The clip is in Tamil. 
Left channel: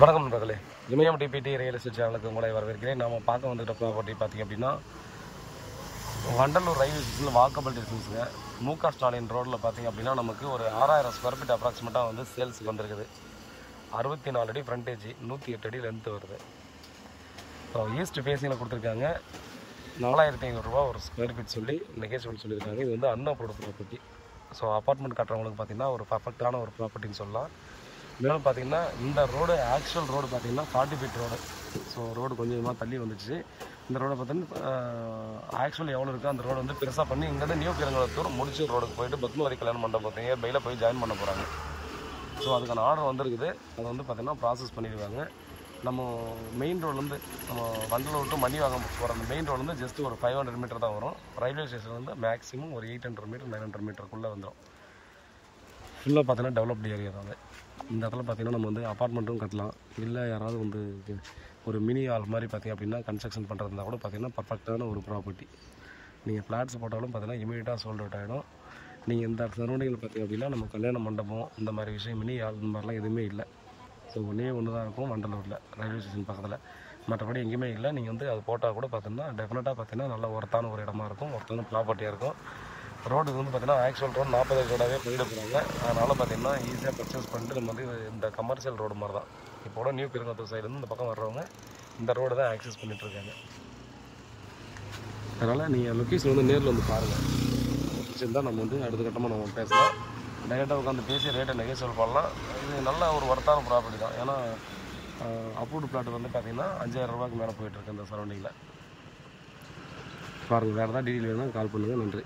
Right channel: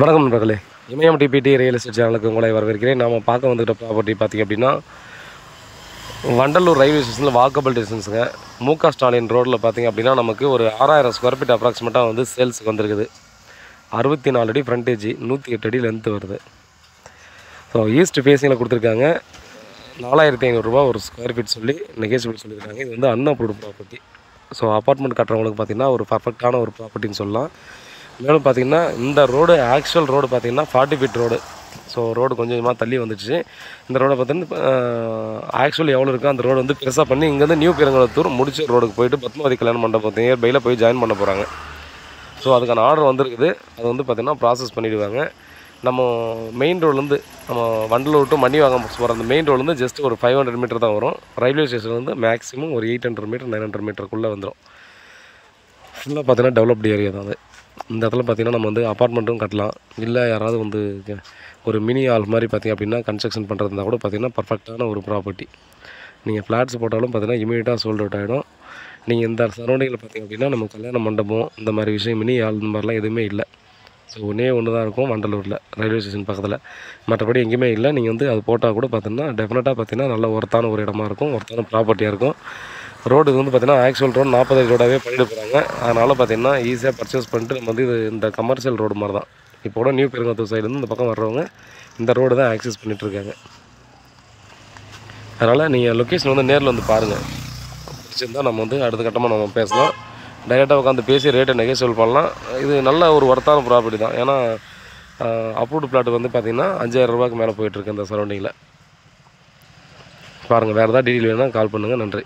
வணக்கம் நண்பர்களே, இமயம் டிபிடி ரியல் எஸ்டேட் சேனலுக்கு உங்களை வரவேற்கிறேன். நாம் பார்க்க வந்துக்கிட்ட ப்ராப்பர்ட்டி பார்த்திங்க அப்படின்னா வண்டலூர் ரயில்வே ஸ்டேஷனில் வாக்கபிள் டிஸ்டன்ஸுங்க. முக ஸ்டாலின் ரோட்டில் பார்த்திங்க அப்படின்னா நமக்கு ஒரு 6000 ஸ்கொயர் ஃபீட் அப்ராக்சிமேட்டாக வந்து சேல்ஸுக்கு வந்திருக்குது. 64 அடி ஃப்ரண்டேஜ், 108 அடி லென்த்து வருது. ஸோ ஈஸ்ட் ஃபேஸிங்கில் கொடுத்துருக்காங்க. 4500 ரூபா ஒரு ஸ்கொயர் ஃபீட் சொல்லி நெகோசியபிள் சொல்லியிருக்காங்க. இது வந்து அன்அப்ரூவ்டு ப்ராப்பர்ட்டி. ஸோ அப்பார்ட்மெண்ட் கட்டுறவங்களுக்கு பார்த்திங்கன்னா ஒரு பர்ஃபெக்டான ஒரு ப்ராப்பர்ட்டின்னு சொல்லலாம். மேலும் பார்த்திங்கன்னா இந்த ரோடு ஆக்சுவல் ரோடு பார்த்திங்கன்னா 40 ஃபீட் ரோடு. ஸோ ரோடு கொஞ்சம் கொஞ்சமாக தள்ளி வந்துடுச்சு. இந்த ரோடை பார்த்திங்கன்னா ஆக்சுவல் எவ்வளோ இருக்கோ அந்த ரோடு வந்து பெருசாக பண்ணி இங்கேருந்து நியூ பெருங்குளத்தூர் முடிச்சு ரோடுக்கு போயிட்டு பத்மாவதி கல்யாண மண்டபம் நியர்பையில் போய் ஜாயின் பண்ண போகிறாங்க. ஸோ அதுக்கான ஆர்டர் வந்துருக்குது. அது வந்து பார்த்திங்கன்னா ப்ராசஸ் பண்ணிவிடுவாங்க. நம்ம மெயின் ரோட்லேருந்து நம்ம வண்டலூர் டு மணிவாகம் போகிற அந்த மெயின் ரோட்லேருந்து ஜஸ்ட் ஒரு 500 மீட்டர் தான் வரும். ரயில்வே ஸ்டேஷன்லேருந்து மேக்ஸிமம் ஒரு 800 மீட்டர் 900 மீட்டருக்குள்ளே வந்துடும். ஃபுல்லாக பார்த்திங்கன்னா டெவலப்டு ஏரியா தான் அது. இந்த இடத்துல பார்த்திங்கன்னா நம்ம வந்து அப்பார்ட்மெண்ட்டும் கட்டலாம். இல்லை யாராவது வந்து ஒரு மினி ஹால் மாதிரி பார்த்திங்க அப்படின்னா கன்ஸ்ட்ரக்ஷன் பண்ணுறதுனா கூட பார்த்திங்கன்னா பர்ஃபெக்டான ஒரு ப்ராப்பர்ட்டி. நீங்கள் ஃப்ளாட்ஸ் போட்டாலும் பார்த்திங்கன்னா இமீடியட்டாக சோல்ட் அவுட் ஆகிடும். நீங்கள் இந்த சரௌண்டிங்கில் பார்த்திங்க அப்படின்னா நம்ம கல்யாண மண்டபம் இந்த மாதிரி விஷயம் மினி ஹால் இந்த மாதிரிலாம் எதுவுமே இல்லை. ஸோ ஒன்றே ஒன்று தான் இருக்கும் வண்டலூரில் ரயில்வே ஸ்டேஷன் பக்கத்தில். மற்றபடி எங்கேயுமே இல்லை. நீங்கள் வந்து அது போட்டால் கூட பார்த்திங்கன்னா டெஃபினட்டாக பார்த்திங்கன்னா நல்ல ஒர்த்தான ஒரு இடமா இருக்கும், ஒர்த்தான ப்ராப்பர்ட்டியாக இருக்கும். ரோடு வந்து பார்த்திங்கன்னா ஆக்சுவல் ரோடு 40 ரோடாகவே பண்ணிட்டு போகிறாங்க. அதனால் பார்த்திங்கன்னா ஈஸியாக பர்ச்சேஸ் பண்ணிட்டு நம்ம வந்து இது இந்த கமர்ஷியல் ரோடு மாதிரி தான். இப்போ கூட நியூ பெருங்குளத்தூர் சைட்லேருந்து இந்த பக்கம் வர்றவங்க இந்த ரோடு தான் ஆக்சஸ் பண்ணிகிட்ருக்காங்க. அதனால் நீங்கள் லொக்கேஷன் வந்து நேரில் வந்து பாருங்கள். பிடிச்சிருந்தால் நம்ம வந்து அடுத்த கட்டமாக நம்ம பேசலாம். டைரெக்டாக உட்காந்து பேசி ரேட்டை நெகோசியபிள் பண்ணலாம். இது நல்ல ஒரு ஒர்த்தான ப்ராப்பர்ட்டி தான். ஏன்னா அப்ரூவ்டு பிளாட் வந்து பார்த்திங்கன்னா 5000 ரூபாய்க்கு மேலே போயிட்டுருக்கு இந்த சரௌண்டிங்கில். பாருங்கள், வேறு ஏதாவது டீட்டெயில் வேணும்னா கால் பண்ணுங்கள். நன்றி.